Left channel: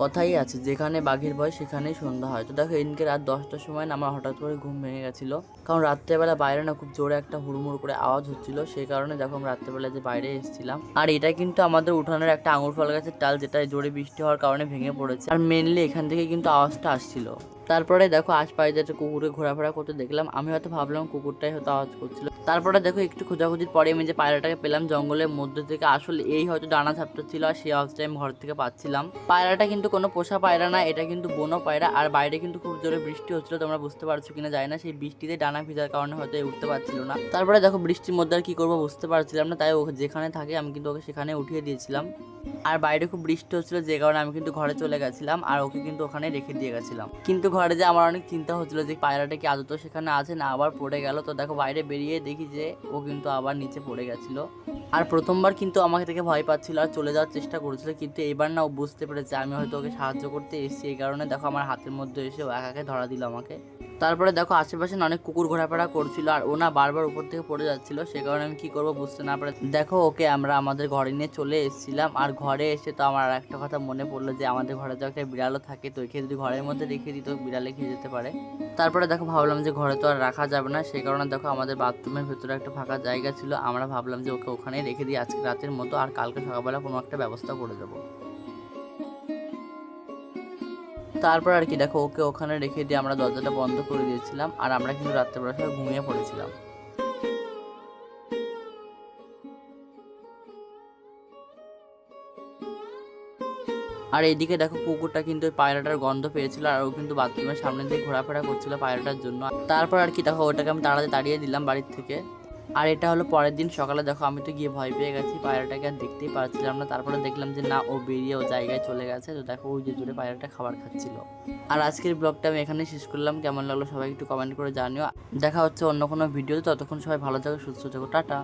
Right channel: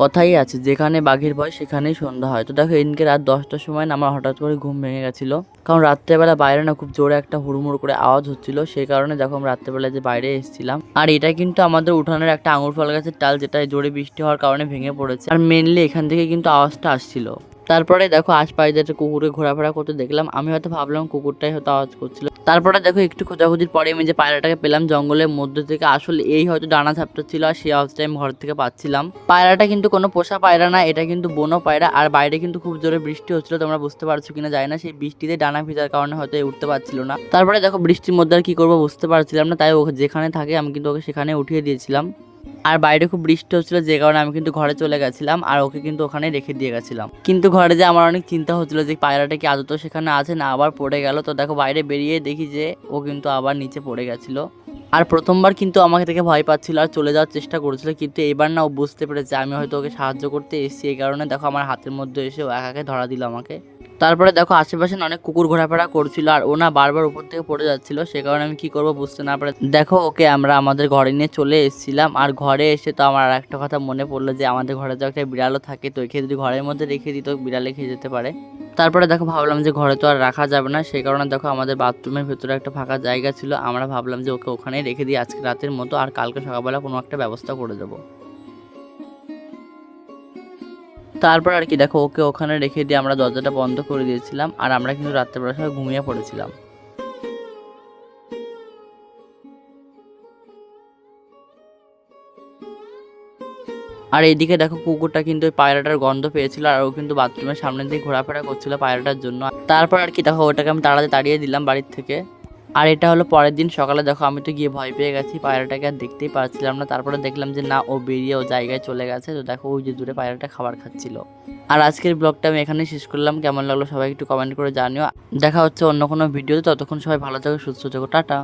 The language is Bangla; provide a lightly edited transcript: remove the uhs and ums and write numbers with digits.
কথাই আছে, যেখানে বাঘের ভয় সেখানেই সন্ধ্যা হয়। তো দেখো এদিনকে রাত 10টার সময় না আমার হঠাৎ করে ঘুম ভেঙে গেছিলো, কারণ রাত্রেবেলা বাইরে না খুব জোরে একটা হুড়মুড় করে আওয়াজ হচ্ছিল। সেই কারণে দেখো আমি রাত্রেবেলা যে বাইরে এসেছিলাম, আর এটা কিন্তু আমাদের উঠানের একটা আঙুর ফল গাছের ডাল, যেটা জোরে বৃষ্টি হওয়ার কারণে ভেঙে পড়েছে। আর মেনলি এখান থেকে কিন্তু আওয়াজটা আসছিল। তারপরে দেখো আশপাশে একটা কুকুরে ঘোরাফেরা করতে দেখলাম, আমি হয়তো ভাবলাম কুকুরটাই হয়তো আওয়াজ করছিল। তারপরে দেখো একটু খোঁজাখুঁজির পরে আমি যে পায়রাটাকে পেলাম জঙ্গলের মধ্যে থেকে, আসলে এই হয়তো ডানা ঝাপটা ছিল আর সেই আওয়াজটা আমি ঘর থেকে পাচ্ছিলাম। পায়রাটা কিন্তু কোনো পোষা পায়রা না, এটা কিন্তু বনো পায়রা। আর বাইরে কিন্তু খুব জোরে বৃষ্টি হচ্ছিল, তোমরা বুঝতে পারছো কিনা জানি না, সেই বৃষ্টিতে ডানা ভিজার কারণে হয়তো উঠতে পারছিল না। তারপরে দেখো বৃষ্টির মধ্যে আর কি করবো বুঝতে পারছিলাম না, তাই ওকে যেখানে থাকে আমি কিন্তু ওকে সেখানে উঠিয়ে দিয়েছিলাম। আর বাইরে খুব বৃষ্টি হচ্ছিল, যে কারণে আমি কিন্তু ঘরে চলে গেছিলাম আর ওকে কিন্তু ওখানে রেখে দিয়ে গেছিলাম। কিন্তু ঘরে যে আমার অনেক চিন্তা হচ্ছিল যে পায়রাটা কি আদৌ সেখানে আছে না আবার পড়ে গেল। তো দেখো বাইরে বেরিয়ে দেখি যে ও কিন্তু আবার নিচে পড়ে গেছিল। আর প্রথমবার কিন্তু আমাকে থেকে ভয় পাচ্ছিল আর চলে যাওয়ার চেষ্টা করেছিল, কিন্তু এবার না ও বুঝতে পেরেছে আমি হয়তো ওকে সাহায্য করতে এসেছি। এই কারণে দেখো আমার হাতের মধ্যে এসে ও একাকে ধরা দিল আমাকে। তারপরে দেখো আশেপাশে না অনেক কুকুর ঘোরাফেরা করছিল আর ও না বারবার উপর থেকে পড়ে যাচ্ছিল। সে কারণে আমি কি করব বুঝতে না পারে দেখো ওকে আমরা আমাদের ঘরে নিয়ে চলে এসেছিলাম। আর ঘরে এসে তো আমার আর একটা কথা মনে পড়লো যে আমাদের ঘরে তো একটা বিড়ালও থাকে, তো একে যদি ঘরের মধ্যে রেখে দিত বিড়ালে খেয়ে যেতে পারে। তারপরে দেখো ভাবলাম যে ঘরে তো আর রাখা যাবে না, সেই কারণে দেখো আমাদের বাথরুমের ভেতরে একটা ফাঁকা জায়গা ছিল, আমরা ভাবলাম যে ওকে ওখানেই রেখে দিই আজকে রাতের মতো, আর কালকে সকালবেলা কোনো একটা ব্যবস্থা করে দেবো। তারপর আর কি দেখো ওকে ওখানে রেখে দিয়ে আমরা দরজাটা বন্ধ করে দিয়েছিলাম, আর আমরা কিন্তু রাত্রেবেলা সবাই ঘুমিয়ে পড়েছিলাম। আর এইদিকে দেখো কুকুরটা কিন্তু ওই পায়রাটার গন্ধ পেয়েছিল, আর ও কিন্তু বাথরুমের সামনে দিয়ে ঘোরাফেরা করছিল পায়রাটার জন্য। তারপর আর কি দেখো ওটাকে আমি তাড়িয়ে দিলাম বাড়ির থেকে। আর এটা হলো পরের দিন সকালে, দেখো আমি তো গিয়ে ভয় পেয়ে গেছি, পায়রাটাকে আর দেখতেই পাচ্ছিলাম না। তারপরে দেখলাম যে না ও বেরিয়ে ও জায়গায় চলে গেছে। তো দেখো ওই যে দূরে পায়রাটা খাবার খাচ্ছিল। আর আজকের ব্লগটা আমি এখানেই শেষ করলাম, কেমন লাগলো সবাই একটু কমেন্ট করে জানিও। দেখা হচ্ছে অন্য কোনো ভিডিওতে, ততক্ষণ সবাই ভালো থাকো সুস্থ থাকো, টাটা।